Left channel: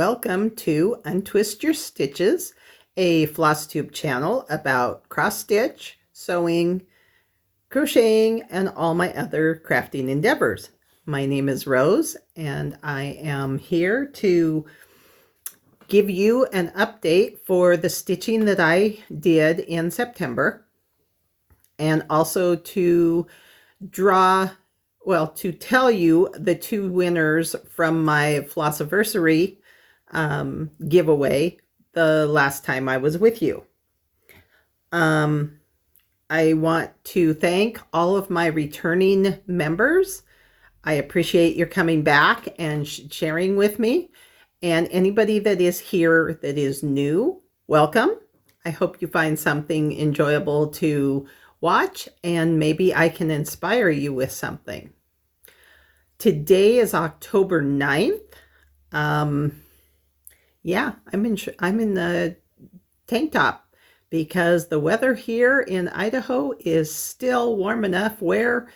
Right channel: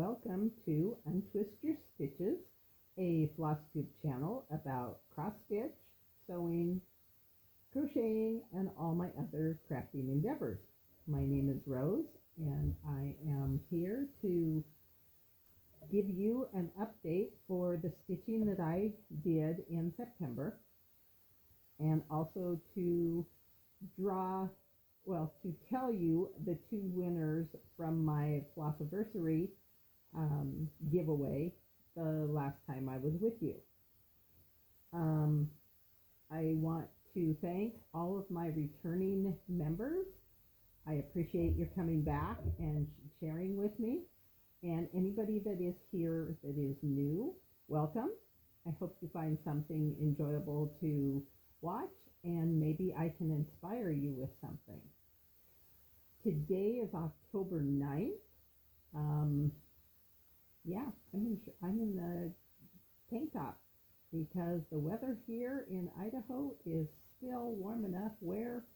welcome to Untwist Your Stitches, a Flosstube channel about cross stitch, sewing, crocheting, and all my other crafting endeavors. My name is Rose, and I am here to give you an update for the stitching that I did in September, and also to tell you the two winners from my Flossiversary giveaway the last time I was with you. I want to thank all of my returning members. I appreciate your coming back and sharing with me. And anybody that is here that is new, welcome. I hope you find something enjoyable to watch, and maybe I can inspire you with something. Today is October 9th. Yeah, I'm in the tank top because the weather here in Idaho is still warm enough where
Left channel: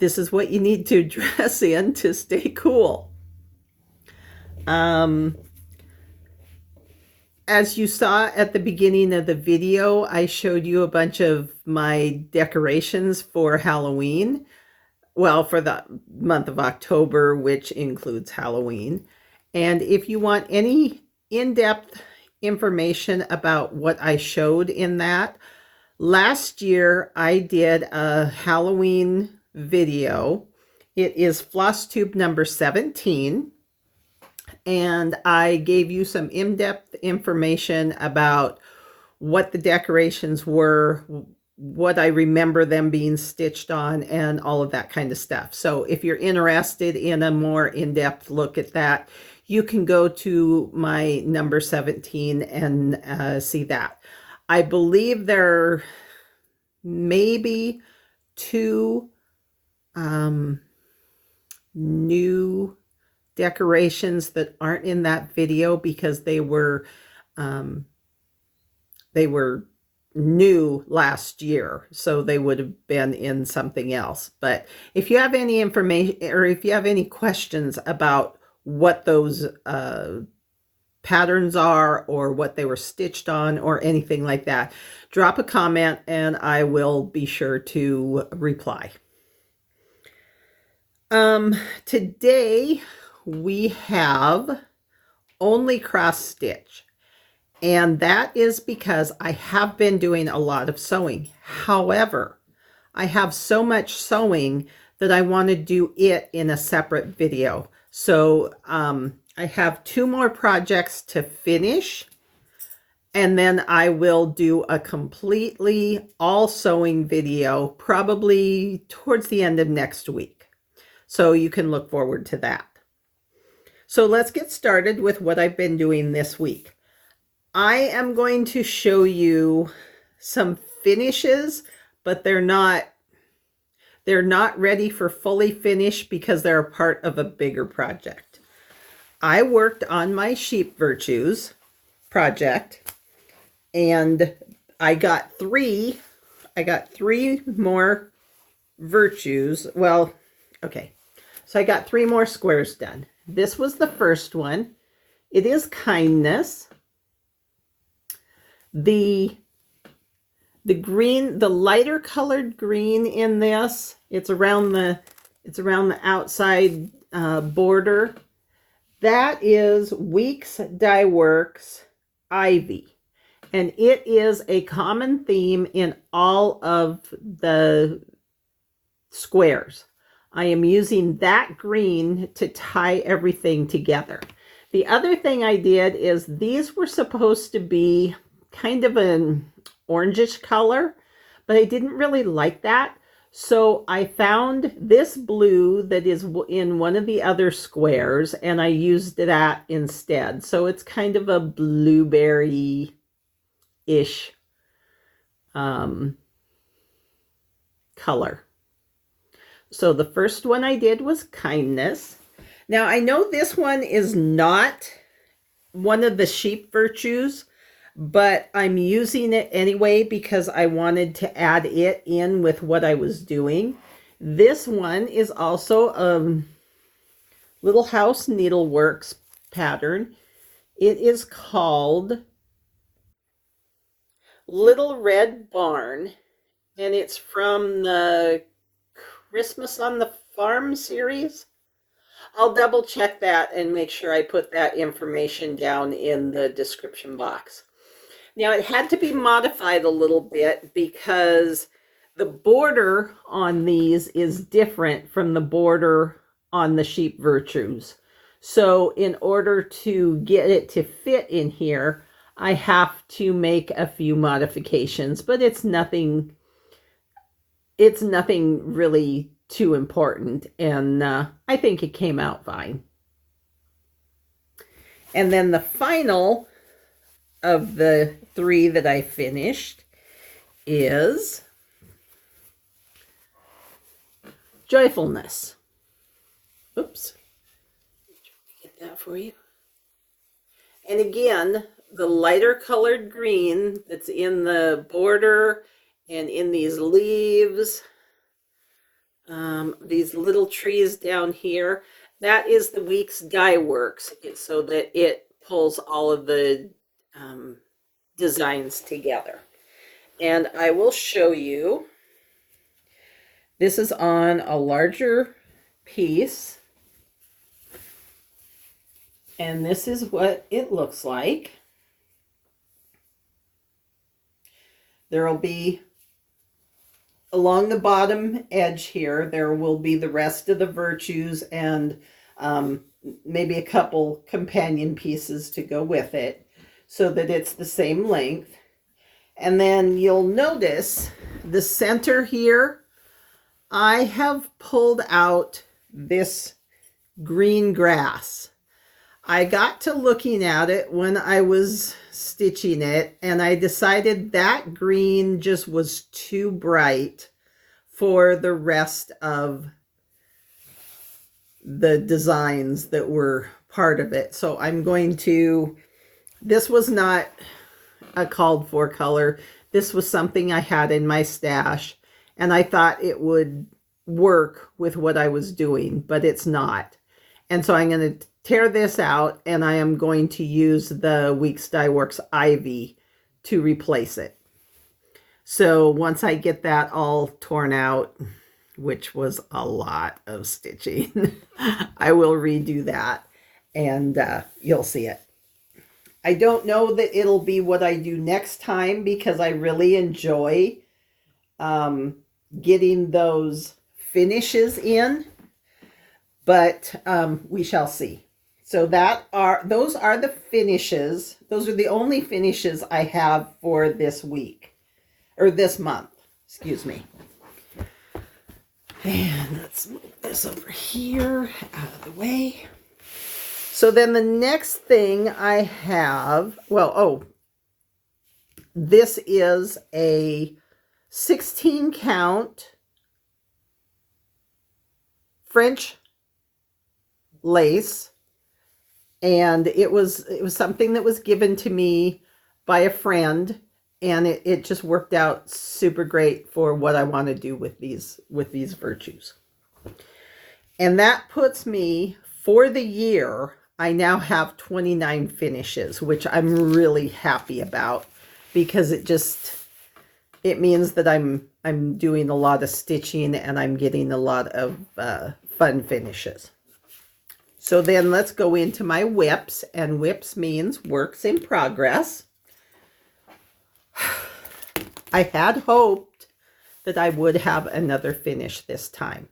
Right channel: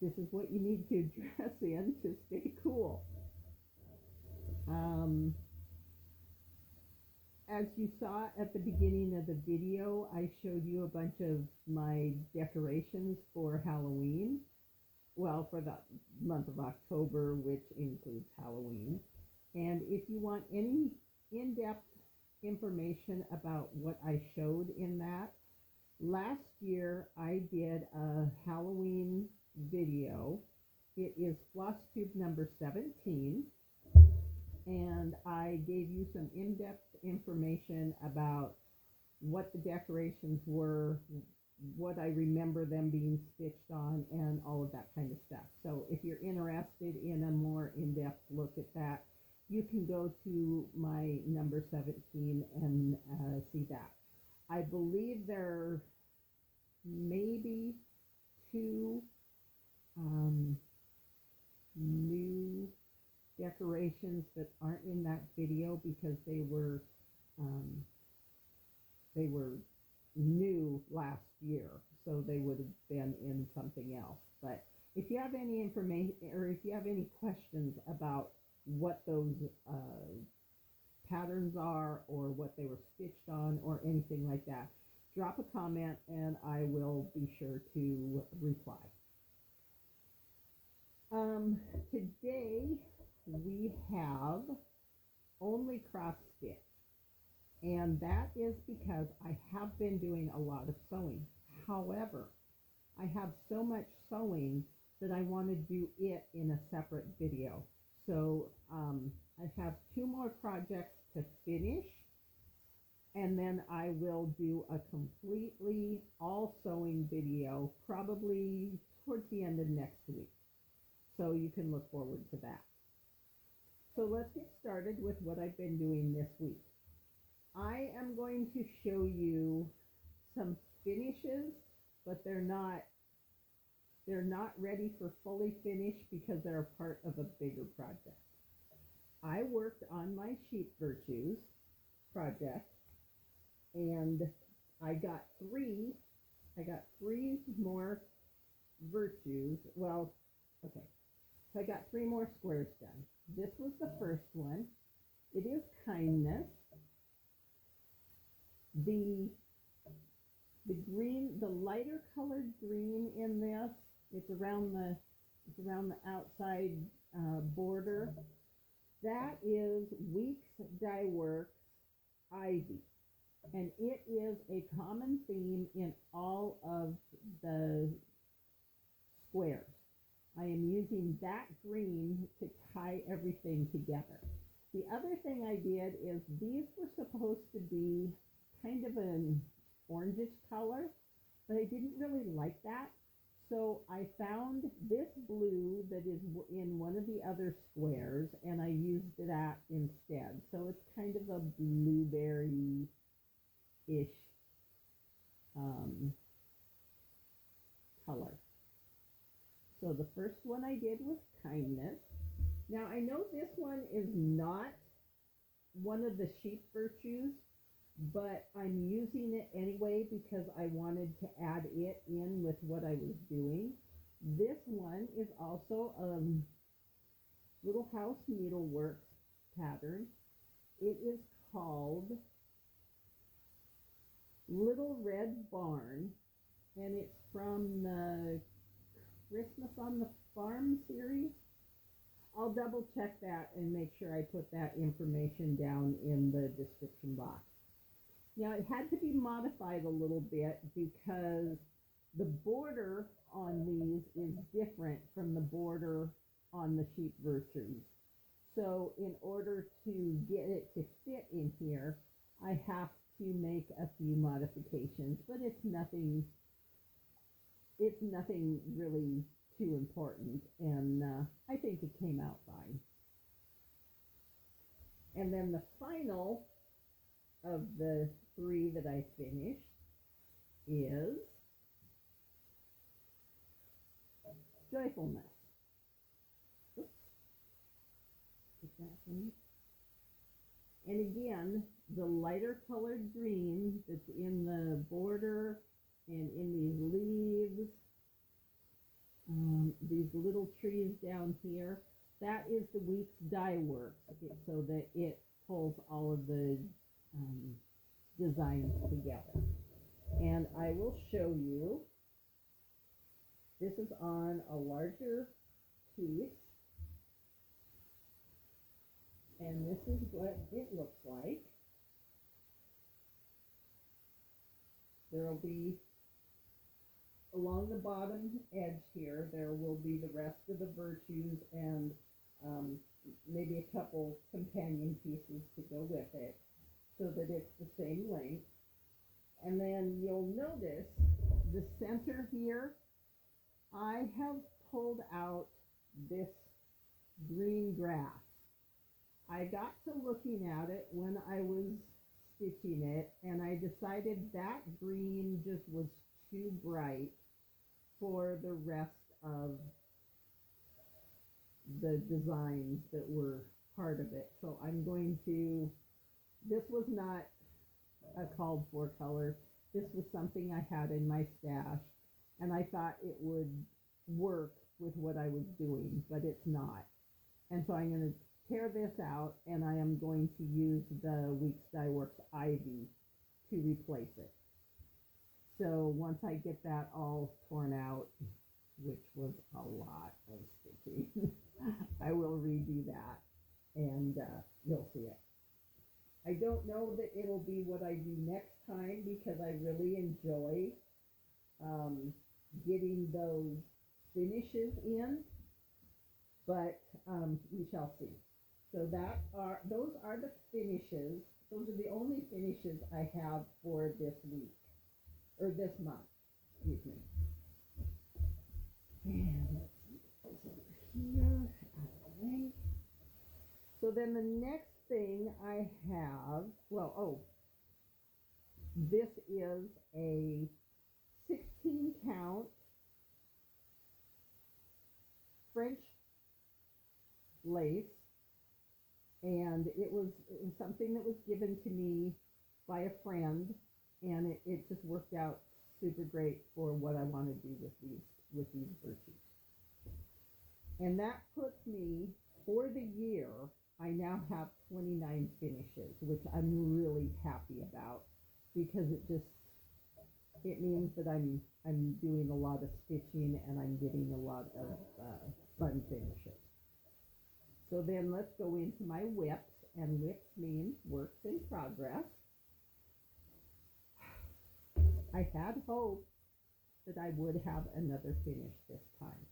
this is what you need to dress in to stay cool. As you saw at the beginning of the video, I showed you a bunch of my decorations for Halloween. Well, for the month of October, which includes Halloween. And if you want any in-depth information about what I showed in that, last year I did a Halloween video. It is Flosstube number 17. And I gave you some in-depth information about what the decorations were, what I remember them being stitched on, and all of that kind of stuff. So if you're interested in a more in-depth look at that, you can go to my number 17 and see that. I believe there may be two new decorations that aren't in that video because they were new last year, so they would have been in something else. But if you have any information or if you have any questions about what those patterns are or what they were stitched on or anything like that, drop a comment and I will be sure to reply. Today we have only cross stitch, and that is because I have been doing a lot of sewing. However, I have so much sewing that I want to do it in a separate video. So I have two more projects to finish, and then I will do a completely all sewing video probably towards the end of next week. So you can look forward to that. So let's get started with what I've been doing this week. I am going to show you some finishes, but they're not ready for fully finished because they're a part of a bigger project. I worked on my Sheep Virtues project, and I got three more virtues. Well, okay. So I got 3 more squares done. This was the first one. It is kindness. The green, the lighter colored green in this, it's around the outside border. That is Weeks Dye Works Ivy, and it is a common theme in all of the squares. I am using that green to tie everything together. The other thing I did is these were supposed to be kind of an orangish color, but I didn't really like that. So I found this blue that is in one of the other squares, and I used that instead. So it's kind of a blueberry-ish color. So the first one I did was kindness. Now I know this one is not one of the Sheep Virtues, but I'm using it anyway because I wanted to add it in with what I was doing. This one is also Little House Needleworks pattern. It is called Little Red Barn, and it's from the Christmas on the Farm series. I'll double check that and make sure I put that information down in the description box. Now, it had to be modified a little bit because the border on these is different from the border on the Sheep Virtues. So in order to get it to fit in here, I have to make a few modifications, but it's nothing really too important, and I think it came out fine. And then the final of the 3 that I finished is Joyfulness. Oops. Get that for you. And again, the lighter colored green that's in the border and in these leaves, these little trees down here, that is the Weeks Dye Works, so that it pulls all of the designs together. And I will show you. This is on a larger piece, and this is what it looks like. There will be, along the bottom edge here, there will be the rest of the Virtues and maybe a couple companion pieces to go with it so that it's the same length. And then you'll notice the center here, I have pulled out this green grass. I got to looking at it when I was stitching it, and I decided that green just was too bright for the rest of the designs that were part of it. So I'm going to, this was not a called for color. This was something I had in my stash, and I thought it would work with what I was doing, but it's not. And so I'm going to tear this out, and I am going to use the Weeks Dye Works Ivy to replace it. So once I get that all torn out, which was a lot of stitching, I will redo that, and you'll see it. I don't know that it'll be what I do next time, because I really enjoy getting those finishes in, but we shall see. So those are the finishes. Those are the only finishes I have for this week, or this month, excuse me. And let's move this over here out of the way. So then the next thing I have, this is a 16 count French lace, and it was something that was given to me by a friend, and it just worked out super great for what I want to do with these Virtues. And that puts me, for the year, I now have 29 finishes, which I'm really happy about, because it means that I'm doing a lot of stitching, and I'm getting a lot of fun finishes. So then let's go into my WIPs, and WIPs means works in progress. I had hoped that I would have another finish this time,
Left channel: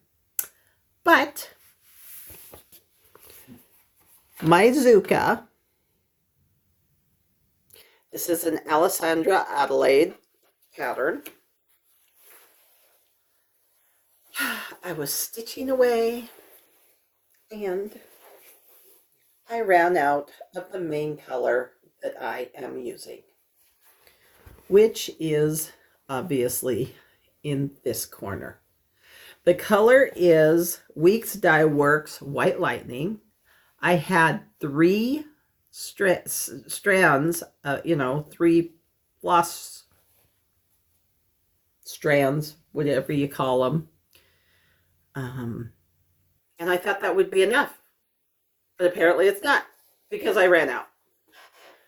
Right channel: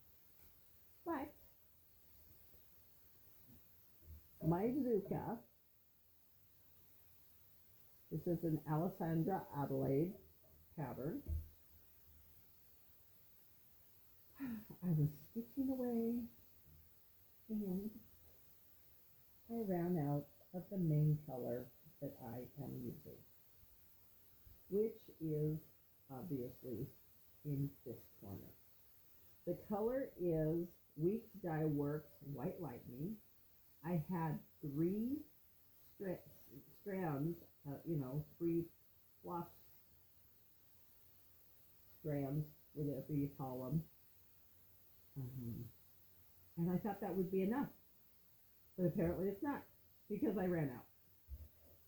but my Zucca, this is an Alessandra Adelaide pattern. I was stitching away, and I ran out of the main color that I am using, which is obviously in this corner. The color is Weeks Dye Works White Lightning. I had 3 strands, 3 floss strands, whatever you call them. And I thought that would be enough, but apparently it's not. because I ran out.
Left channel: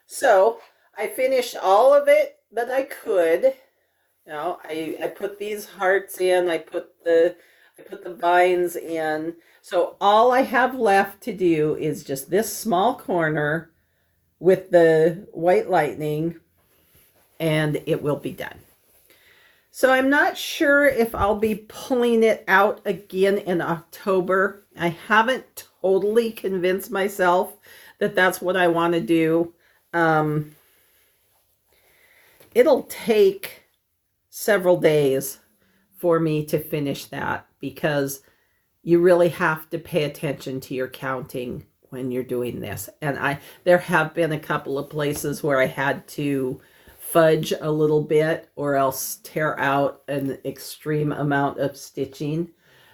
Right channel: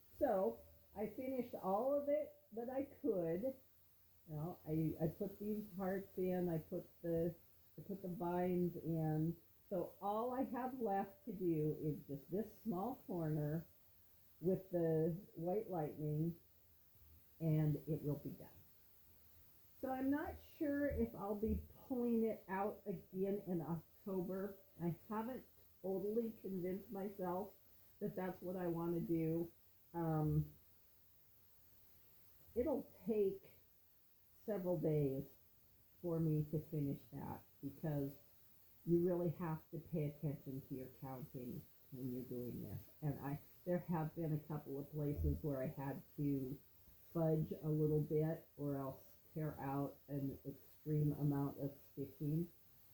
So I finished all of it that I could. You know, I put these hearts in, I put the vines in. So all I have left to do is just this small corner with the white lightning, and it will be done. So I'm not sure if I'll be pulling it out again in October. I haven't totally convinced myself that that's what I want to do. It'll take several days for me to finish that because you really have to pay attention to your counting when you're doing this. And there have been a couple of places where I had to fudge a little bit or else tear out an extreme amount of stitching.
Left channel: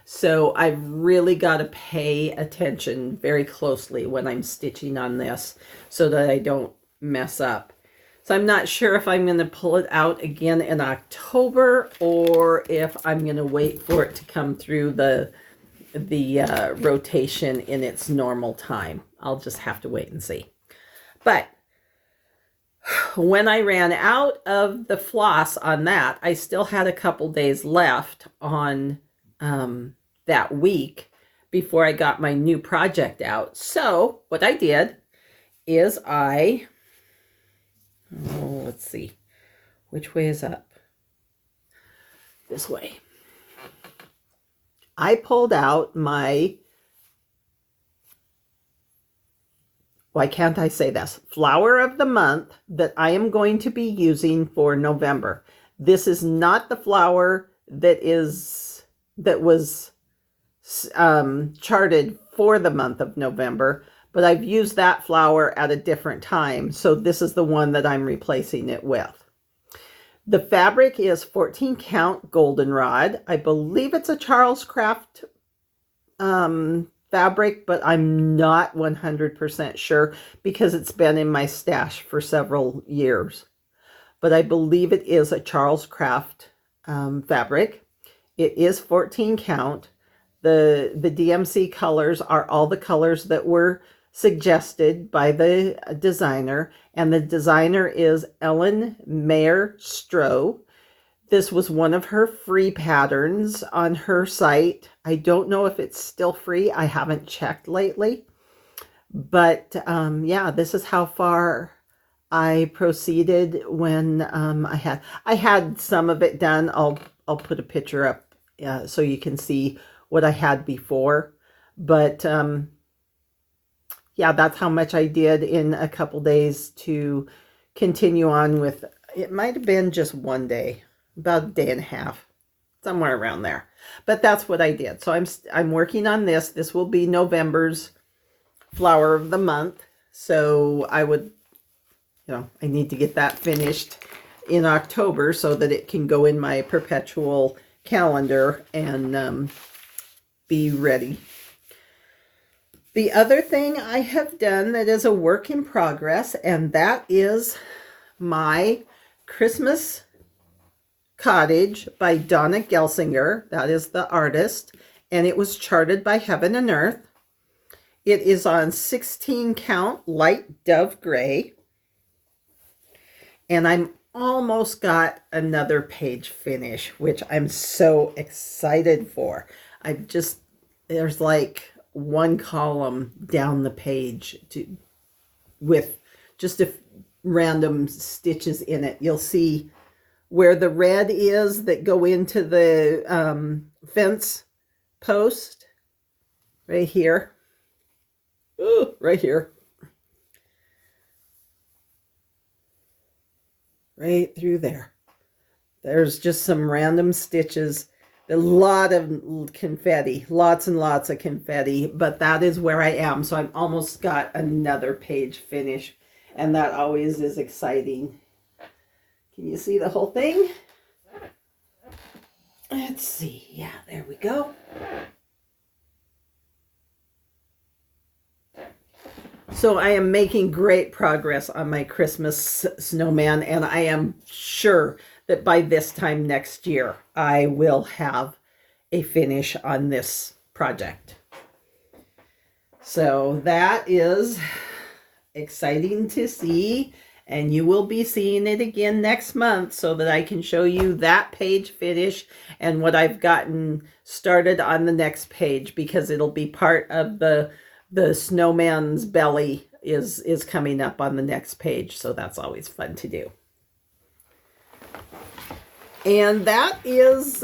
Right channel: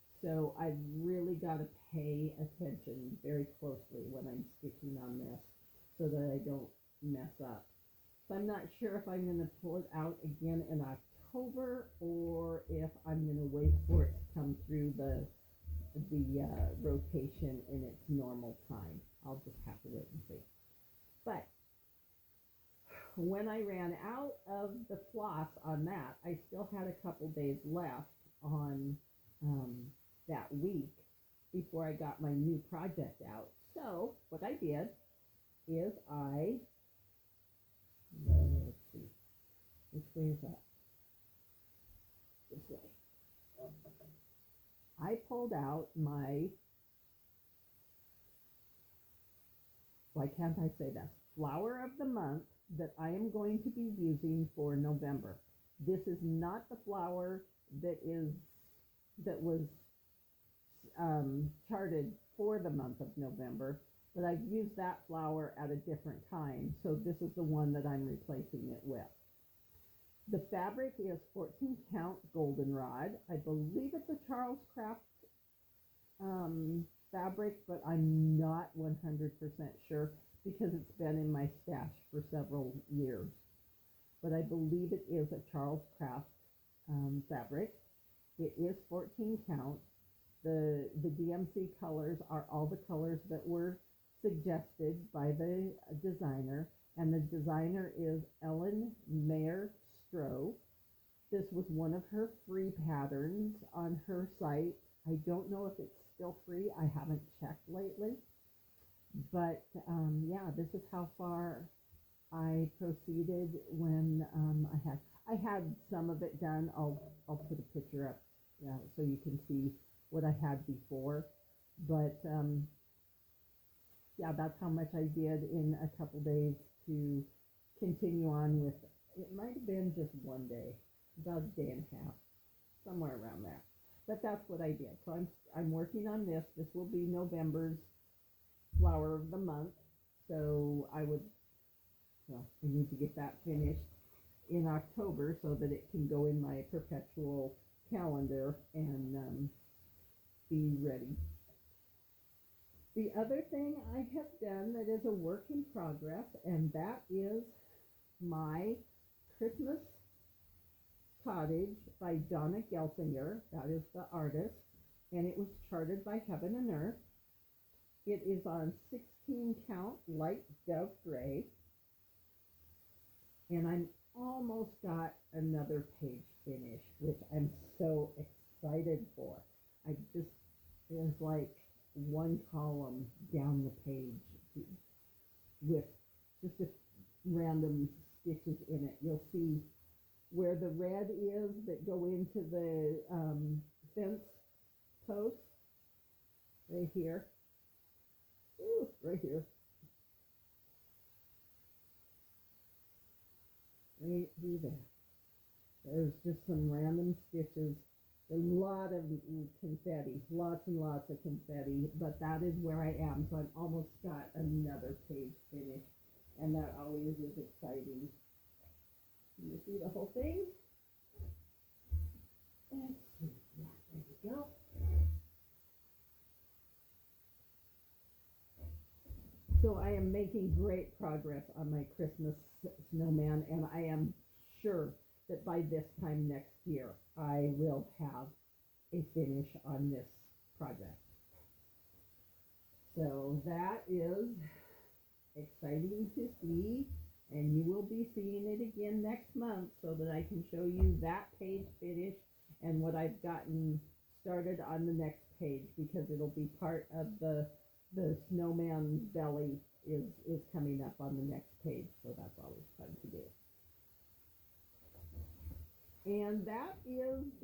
So I've really got to pay attention very closely when I'm stitching on this so that I don't mess up. So I'm not sure if I'm going to pull it out again in October or if I'm going to wait for it to come through the rotation in its normal time. I'll just have to wait and see. But when I ran out of the floss on that, I still had a couple days left on that week before I got my new project out. So what I did is let's see, which way is up? This way. I pulled out my, why can't I say this? Flower of the month that I am going to be using for November. This is not the flower that was charted for the month of November, but I've used that flower at a different time. So this is the one that I'm replacing it with. The fabric is 14 count Goldenrod. I believe it's a Charles Craft fabric, but I'm not 100% sure because it's been in my stash for several years. But I believe it is a Charles Craft fabric. It is 14 count. The DMC colors are all the colors that were suggested by the designer, and the designer is Maurer-Stroh. This was one of her free patterns on her site. I don't know if it's still free. I haven't checked lately. But yeah, this is how far I proceeded when I had some of it done. I'll put a picture up so you can see what I had before. But yeah, that's how much I did in a couple days to continue on with. It might have been just one day, about a day and a half, somewhere around there. But that's what I did. So I'm working on this. This will be November's flower of the month. So I need to get that finished in October so that it can go in my perpetual calendar and be ready. The other thing I have done that is a work in progress, and that is my Christmas Cottage by Dona Gelsinger. That is the artist, and it was charted by Heaven and Earth. It is on 16 count light dove gray, and I'm almost got another page finish, which I'm so excited for. There's like one column down the page with just random stitches in it. You'll see where the red is that go into the fence post right here. Ooh, right here. Right through there. There's just some random stitches. A lot of confetti, lots and lots of confetti, but that is where I am. So I've almost got another page finish, and that always is exciting. Can you see the whole thing? Let's see. Yeah, there we go. So I am making great progress on my Christmas snowman, and I am sure that by this time next year, I will have a finish on this project. So that is exciting to see, and you will be seeing it again next month so that I can show you that page finish and what I've gotten started on the next page, because it'll be part of the snowman's belly is coming up on the next page, so that's always fun to do. And that is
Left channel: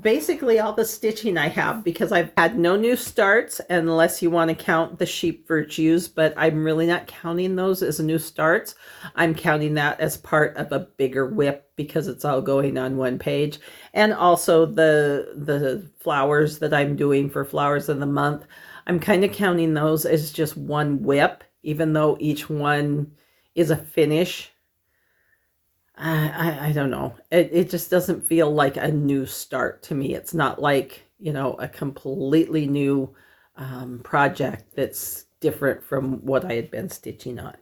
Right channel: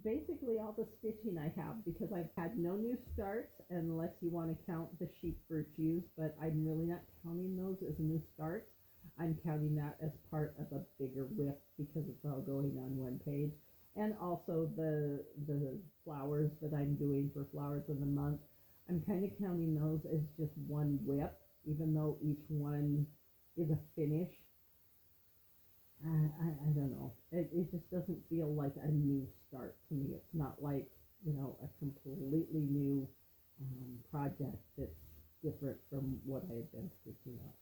basically all the stitching I have, because I've had no new starts, unless you want to count the sheep virtues, but I'm really not counting those as new starts. I'm counting that as part of a bigger WIP because it's all going on one page. And also the flowers that I'm doing for Flowers of the Month, I'm kind of counting those as just one WIP, even though each one is a finish. I don't know. It just doesn't feel like a new start to me. It's not like, you know, a completely new project that's different from what I had been stitching on.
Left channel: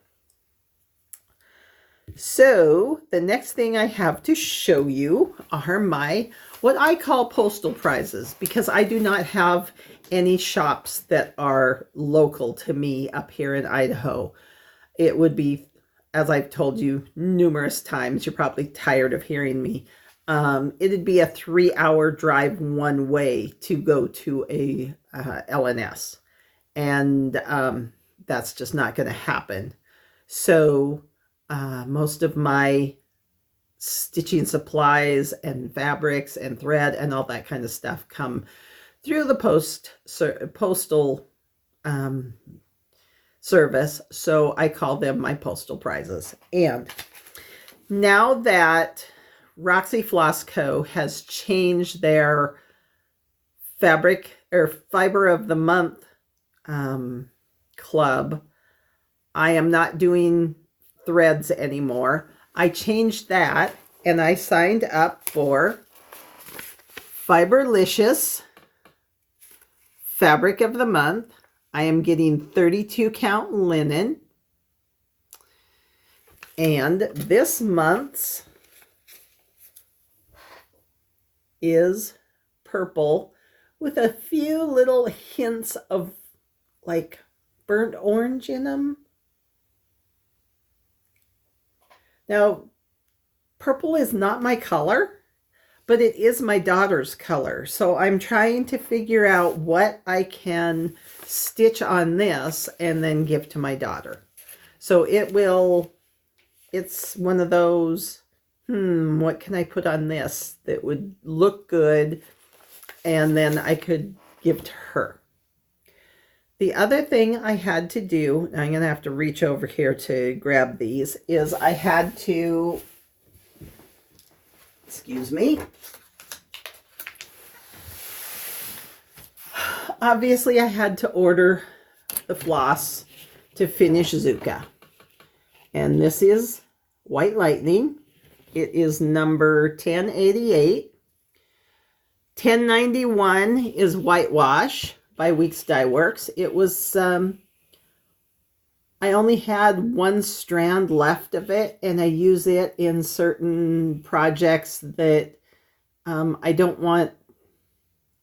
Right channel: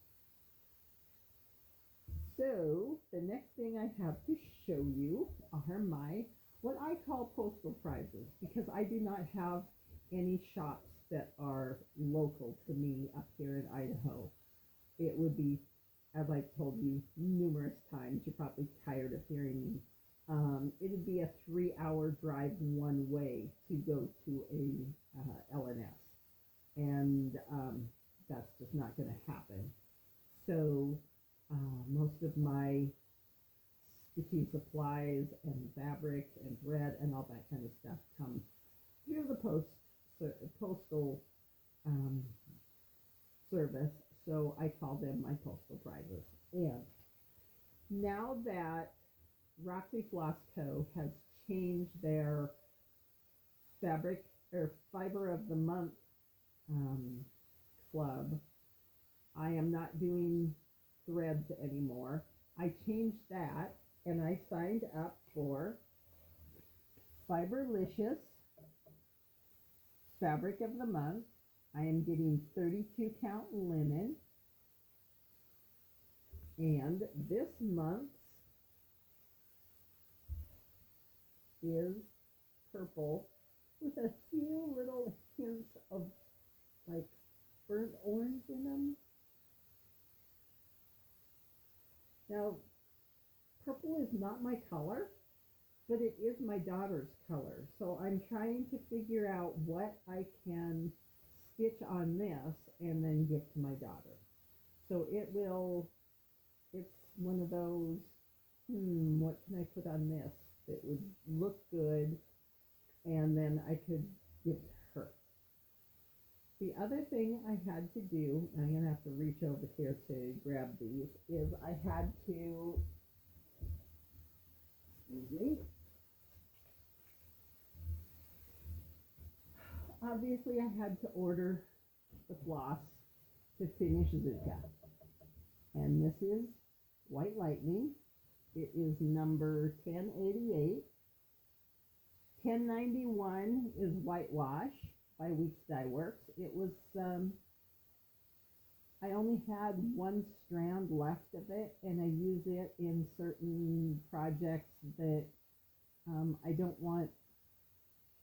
So the next thing I have to show you are my, what I call postal prizes, because I do not have any shops that are local to me up here in Idaho. It would be, as I've told you numerous times, you're probably tired of hearing me, it'd be a 3-hour drive one way to go to a LNS. And that's just not going to happen. So most of my stitching supplies and fabrics and thread and all that kind of stuff come through the postal service, so I call them my postal prizes. And now that Roxy Floss Co. has changed their fabric or fiber of the month club, I am not doing threads anymore. I changed that and I signed up for Fiberlicious Fabric of the Month. I am getting 32 count linen, and this month's is purple with a few little hints of like burnt orange in them. Now, purple is not my color, but it is my daughter's color. So I'm trying to figure out what I can stitch on this and then give to my daughter. So it's one of those, what can I put on this that would look good and then I could give to her. The other thing I had to do, I'm going to have to reach over here to grab these, is I had to, excuse me, obviously I had to order the floss to finish Zucca. And this is White Lightning. It is number 1088. 1091 is Whitewash by Weeks Dye Works. It was, I only had one strand left of it, and I use it in certain projects that I don't want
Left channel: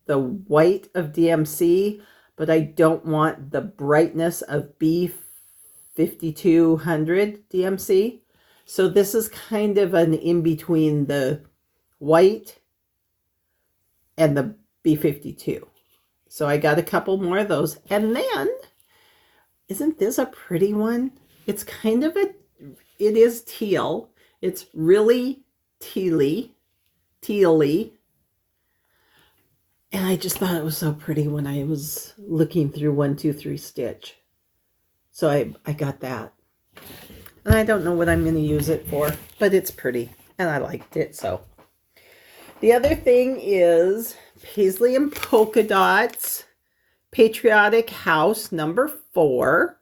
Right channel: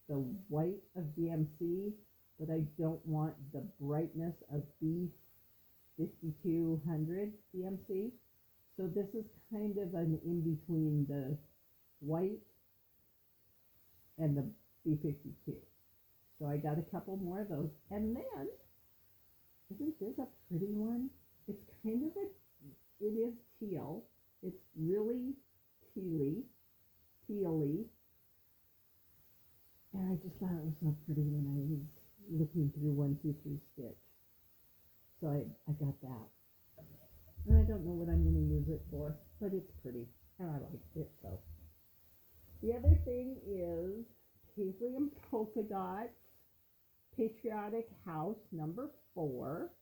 the white of DMC, but I don't want the brightness of B5200 DMC. So this is kind of an in-between the white and the B52. So I got a couple more of those. And then, isn't this a pretty one? It's kind of it is teal. It's really tealy. And I just thought it was so pretty when I was looking through 1, 2, 3 stitch. So I got that. And I don't know what I'm going to use it for, but it's pretty and I liked it. So the other thing is Paisley and Polka Dots Patriotic House number 4.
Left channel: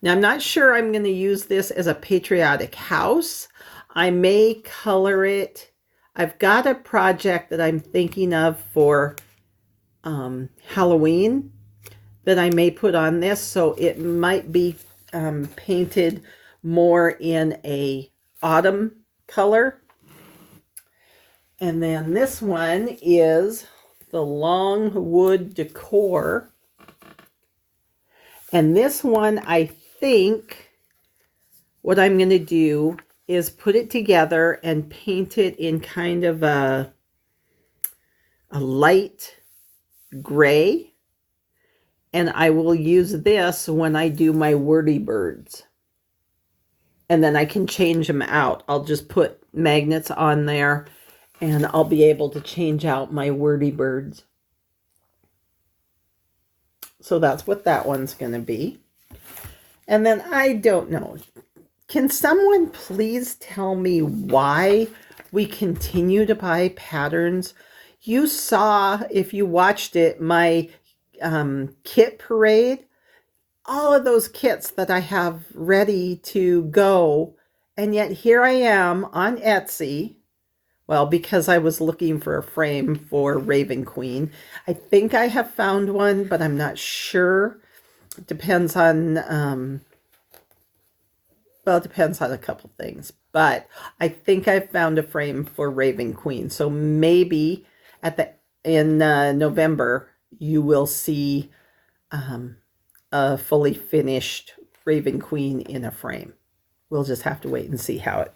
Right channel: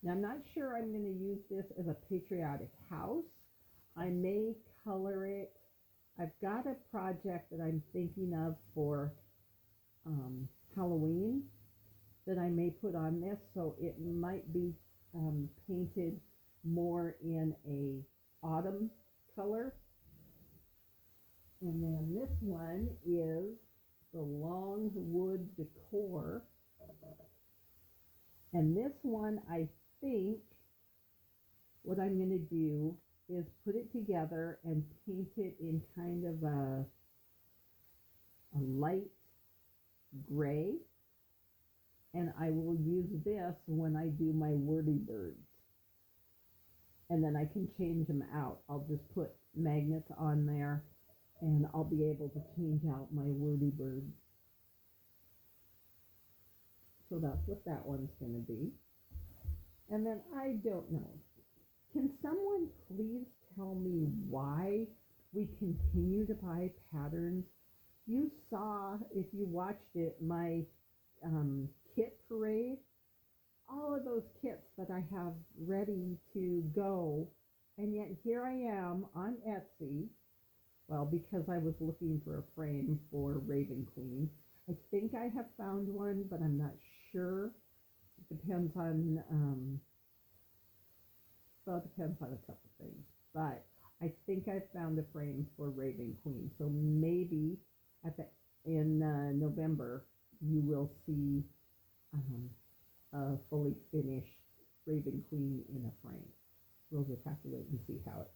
Now I'm not sure I'm going to use this as a patriotic house. I may color it. I've got a project that I'm thinking of for Halloween that I may put on this, so it might be painted more in a autumn color. And then this one is the Longwood Decor. And this one I think what I'm going to do is put it together and paint it in kind of a light gray. And I will use this when I do my wordy birds. And then I can change them out. I'll just put magnets on there and I'll be able to change out my wordy birds. So that's what that one's going to be. And then I don't know. Can someone please tell me why we continue to buy patterns? You saw, if you watched it, my kit parade. All of those kits that I have ready to go. And yet here I am on Etsy. Well, because I was looking for a frame for Raven Queen. I think I have found one, but I'm not sure. It depends on, well, it depends on a couple things. But I think I found a frame for Raven Queen. So maybe in November, you will see a fully finished Raven Queen in a frame. We'll just have to wait and see how it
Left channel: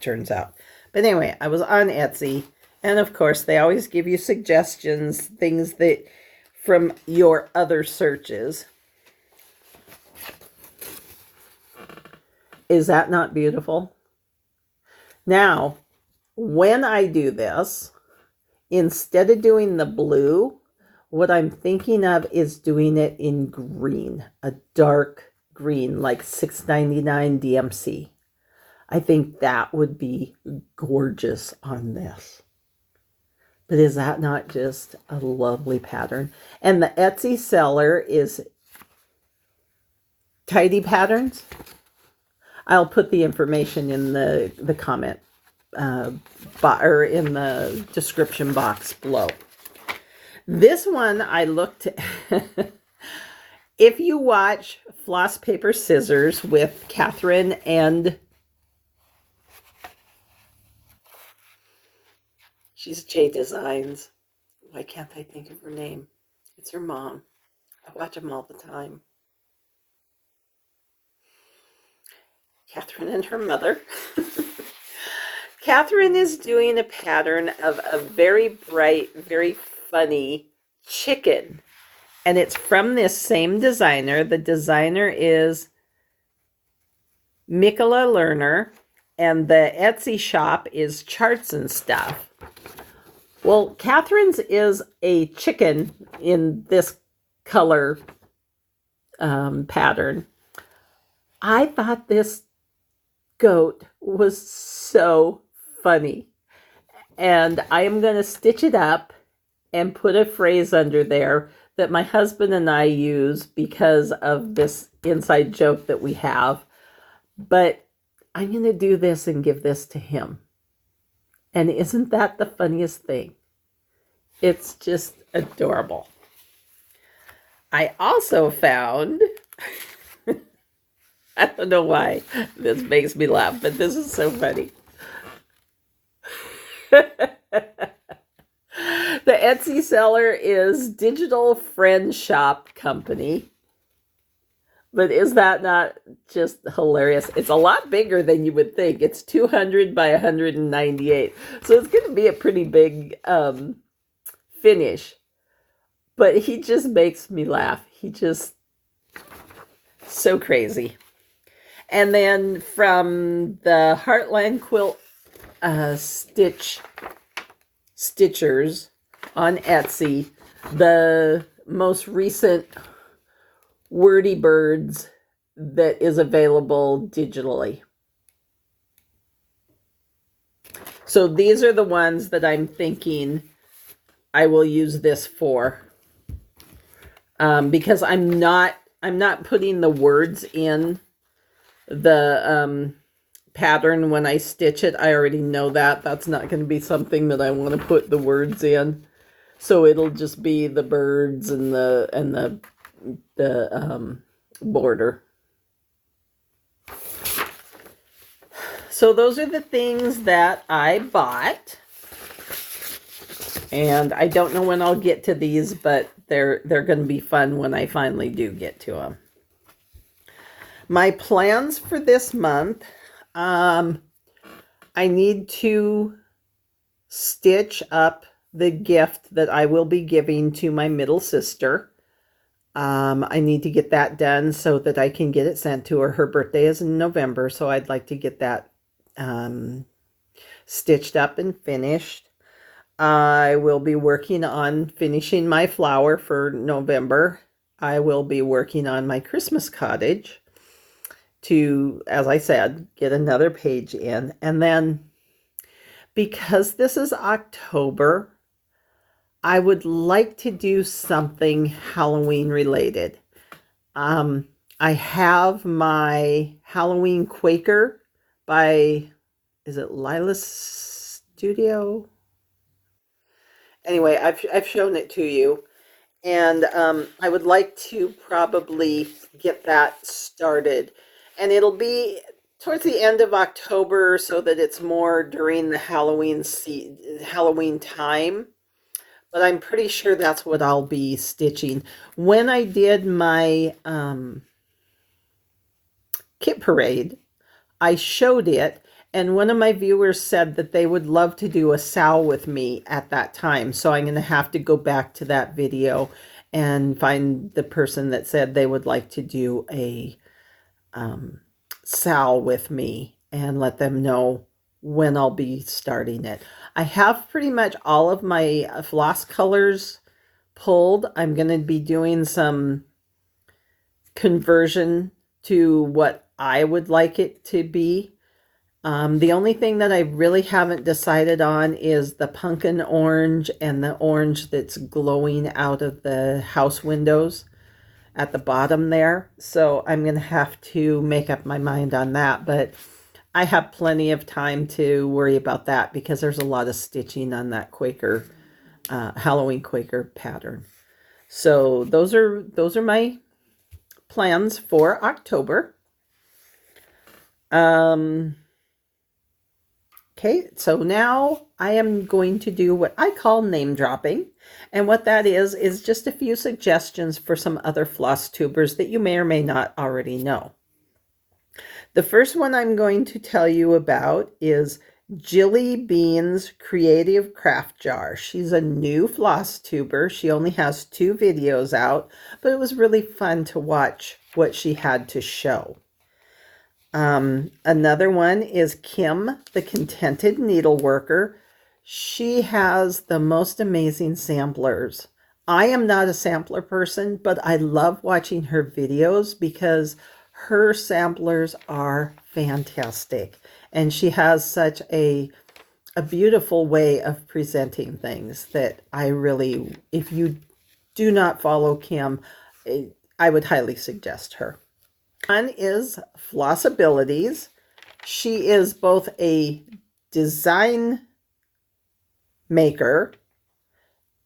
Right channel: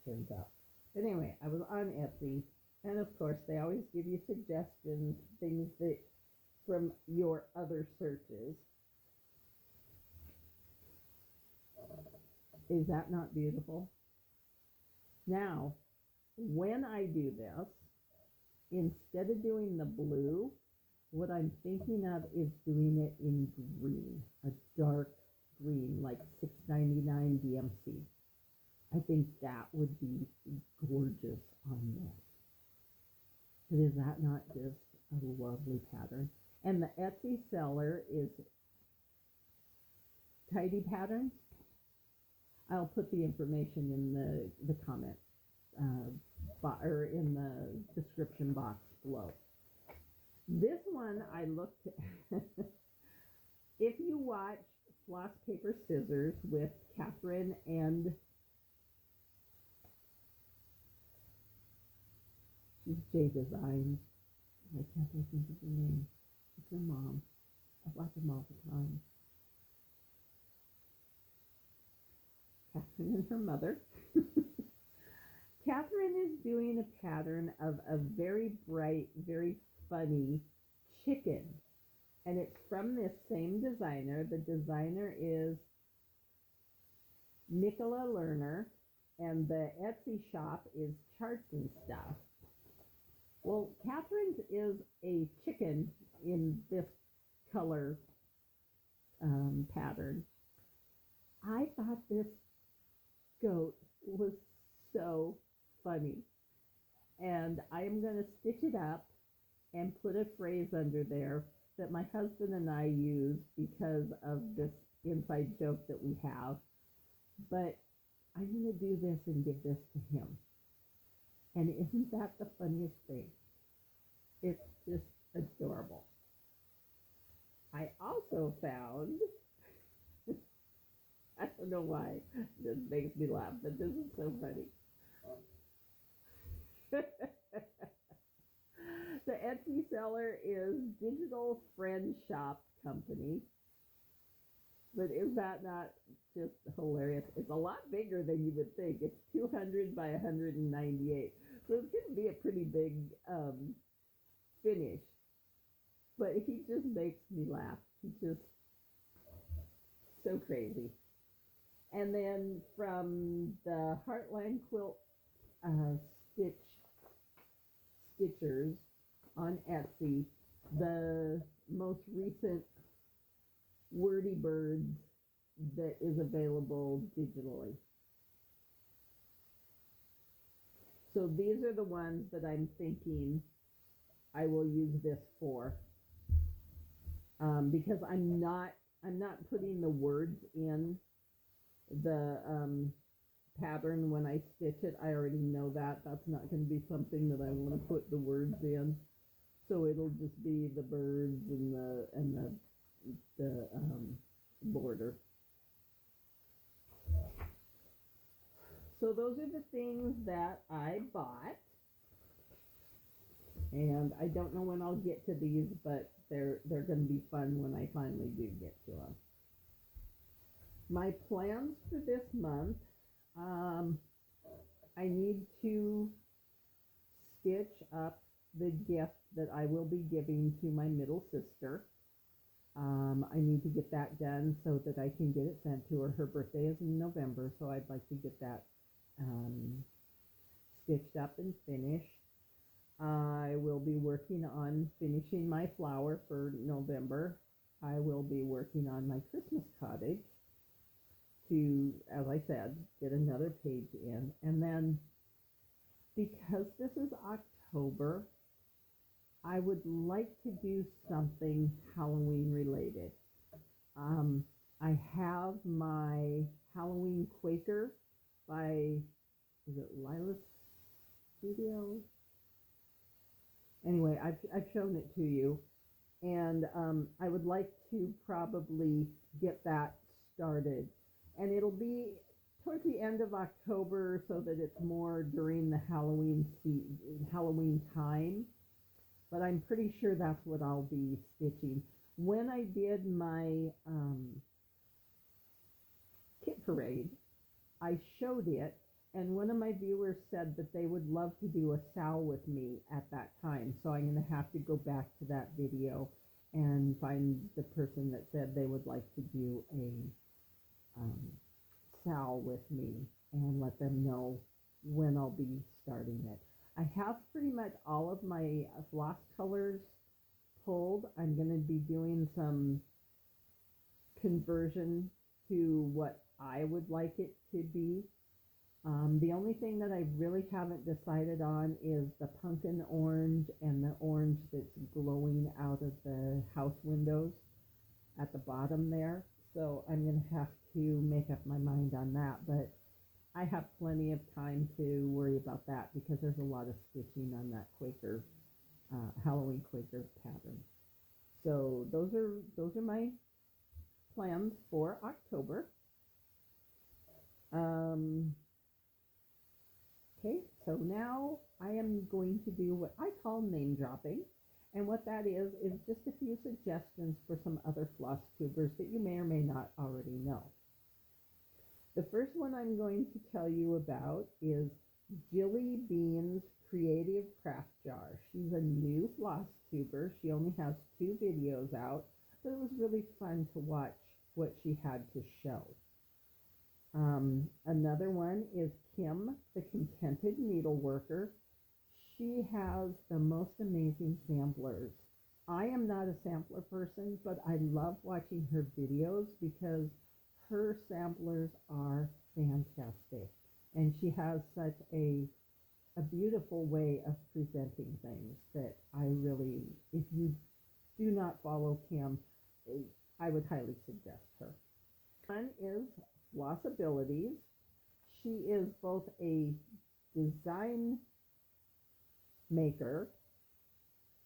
turns out. But anyway, I was on Etsy, and of course they always give you suggestions, things that from your other searches. Is that not beautiful? Now, when I do this, instead of doing the blue, what I'm thinking of is doing it in green, a dark green, like $6.99 DMC. I think that would be gorgeous on this. But is that not just a lovely pattern? And the Etsy seller is Tidy Patterns. I'll put the information in the comment or in the description box below. This one I looked at. If you watch Floss, Paper, Scissors with Catherine and she's J Designs. Why can't I think of her name? It's her mom. I watch them all the time. Catherine and her mother. Catherine is doing a pattern of a very bright, very funny chicken. And it's from this same designer. The designer is Mikola Lerner. And the Etsy shop is Charts and Stuff. Well, Catherine's is a chicken in this color pattern. I thought this goat was so funny. And I am going to stitch it up and put a phrase under there that my husband and I use because of this inside joke that we have. But I'm going to do this and give this to him. And isn't that the funniest thing? It's just adorable. I also found, I don't know why this makes me laugh, but this is so funny. The Etsy seller is Digital Friend Shop Company. But is that not just hilarious? It's a lot bigger than you would think. It's 200 by 198. So it's going to be a pretty big finish. But he just makes me laugh. He just, so crazy. And then from the Heartland Quilt Stitchers on Etsy, the most recent Wordy Birds that is available digitally. So these are the ones that I'm thinking I will use this for, because I'm not putting the words in the pattern when I stitch it. I already know that that's not going to be something that I want to put the words in. So it'll just be the birds and the border. So those are the things that I bought. And I don't know when I'll get to these, but they're going to be fun when I finally do get to them. My plans for this month, I need to stitch up the gift that I will be giving to my middle sister. I need to get that done so that I can get it sent to her. Her birthday is in November, so I'd like to get that stitched up and finished. I will be working on finishing my flower for November. I will be working on my Christmas cottage to, as I said, get another page in. And then, because this is October, I would like to do something Halloween related. I have my Halloween Quaker by, is it Lila's Studio? Anyway, I've shown it to you, and I would like to probably get that started, and it'll be towards the end of October so that it's more during the Halloween time. But I'm pretty sure that's what I'll be stitching. When I did my kit parade, I showed it, and one of my viewers said that they would love to do a sow with me at that time. So I'm going to have to go back to that video and find the person that said they would like to do a sow with me and let them know when I'll be starting it. I have pretty much all of my floss colors pulled. I'm going to be doing some conversion to what I would like it to be. The only thing that I really haven't decided on is the pumpkin orange and the orange that's glowing out of the house windows at the bottom there. So I'm going to have to make up my mind on that, but I have plenty of time to worry about that because there's a lot of stitching on that Quaker, Halloween Quaker pattern. So those are my plans for October. Okay, so now I am going to do what I call name dropping. And what that is just a few suggestions for some other floss tubers that you may or may not already know. The first one I'm going to tell you about is Jilly Bean's Creative Craft Jar. She's a new floss tuber. She only has 2 videos out, but it was really fun to watch what she had to show. Another one is Kim, the Contented Needleworker. She has the most amazing samplers. I am not a sampler person, but I love watching her videos because her samplers are fantastic. And she has such a beautiful way of presenting things that I really, if you do not follow Kim, I would highly suggest her. One is Flossabilities. She is both a design maker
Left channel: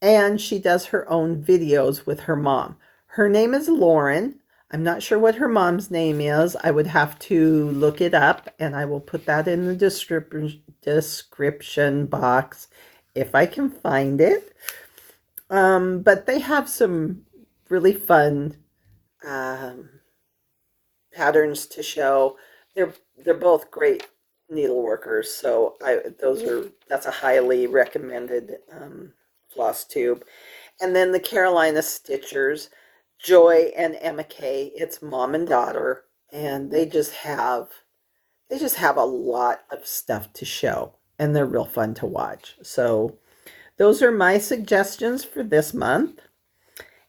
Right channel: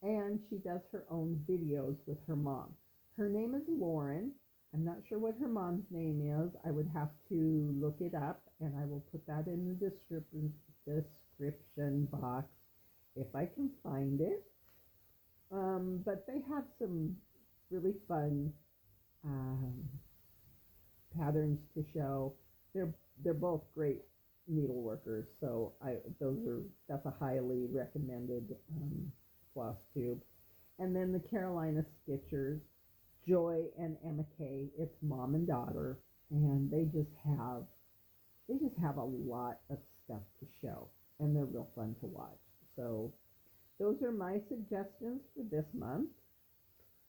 and she does her own videos with her mom. Her name is Lauren. I'm not sure what her mom's name is. I would have to look it up, and I will put that in the description box if I can find it. But they have some really fun patterns to show. They're both great needleworkers, so that's a highly recommended floss tube. And then the Carolina Stitchers, Joy and Emma Kay. It's mom and daughter, and they just have a lot of stuff to show, and they're real fun to watch. So those are my suggestions for this month.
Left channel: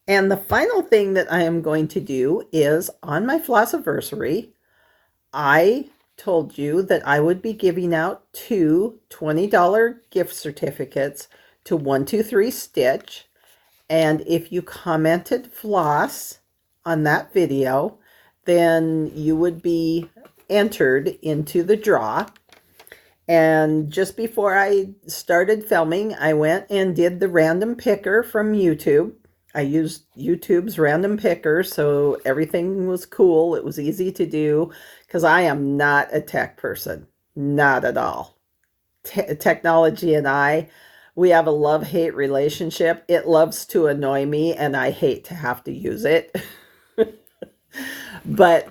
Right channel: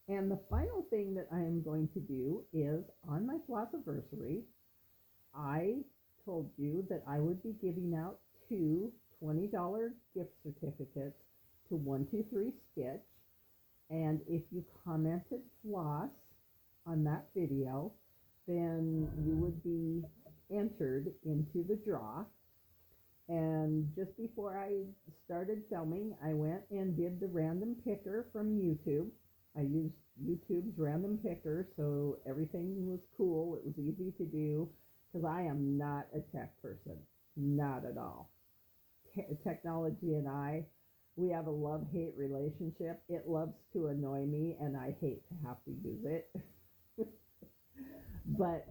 And the final thing that I am going to do is on my Flossiversary, I told you that I would be giving out 2 $20 gift certificates to 123 Stitch. And if you commented floss on that video, then you would be entered into the draw. And just before I started filming, I went and did the random picker from YouTube. I used YouTube's random picker, so everything was cool. It was easy to do because I am not a tech person, not at all. Technology and we have a love-hate relationship. It loves to annoy me, and I hate to have to use it. But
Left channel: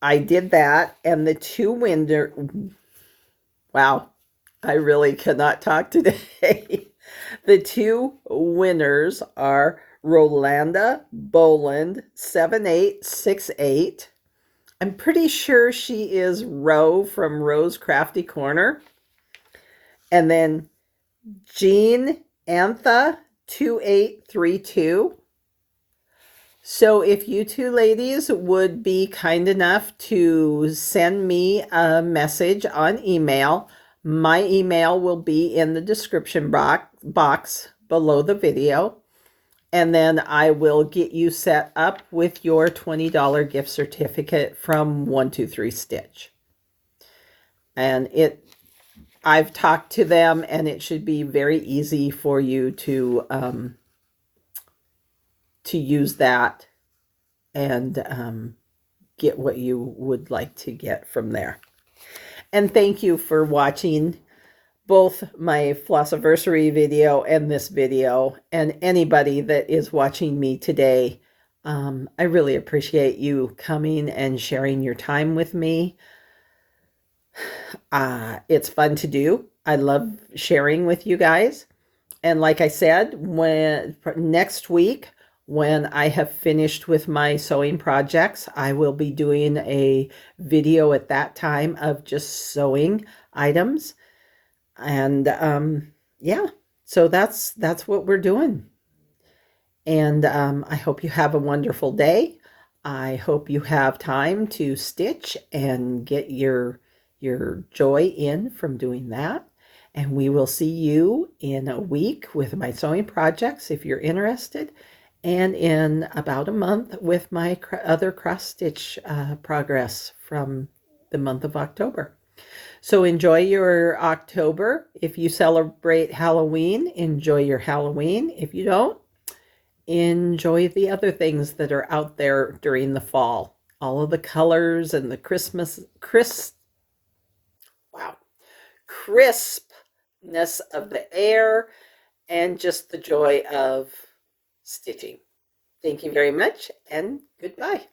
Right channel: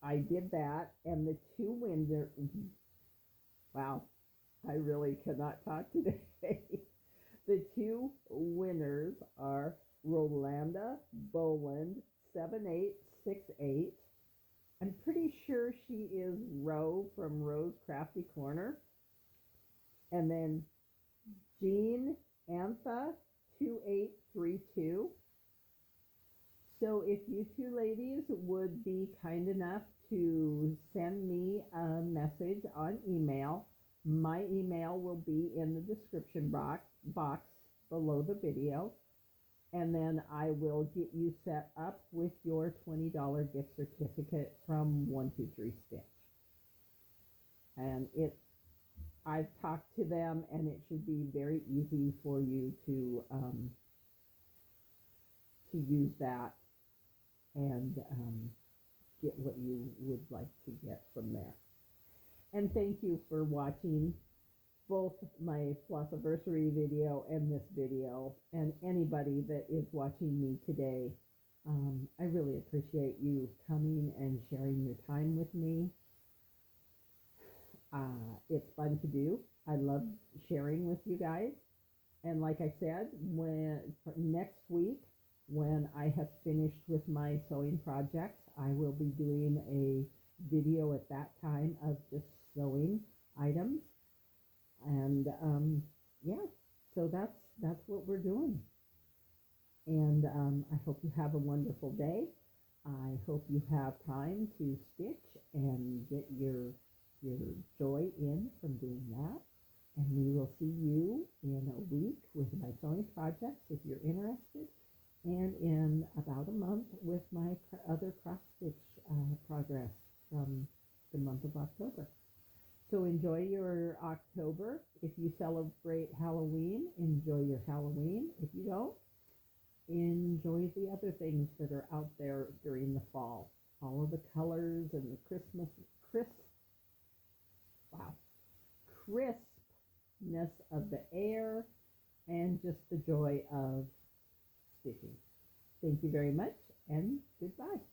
I did that, and the two winner, wow, I really cannot talk today. The two winners are Rolanda Boland 7868. I'm pretty sure she is Ro from Ro's Crafty Corner. And then Jean Antha 2832. So if you two ladies would be kind enough to send me a message on email, my email will be in the description box below the video. And then I will get you set up with your $20 gift certificate from 123 Stitch. And I've talked to them, and it should be very easy for you to use that and get what you would like to get from there. And thank you for watching both my Flossiversary video and this video, and anybody that is watching me today. I really appreciate you coming and sharing your time with me. It's fun to do. I love sharing with you guys. And like I said, next week, when I have finished with my sewing projects, I will be doing a video at that time of just sewing items. And yeah, so that's what we're doing. And I hope you have a wonderful day. I hope you have time to stitch and get your joy in from doing that. And we will see you in a week with my sewing projects if you're interested, and in about a month with my other cross stitch progress from the month of October. So enjoy your October. If you celebrate Halloween, enjoy your Halloween. If you don't, enjoy the other things that are out there during the fall. All of the colors and the crispness of the air, and just the joy of stitching. Thank you very much, and goodbye.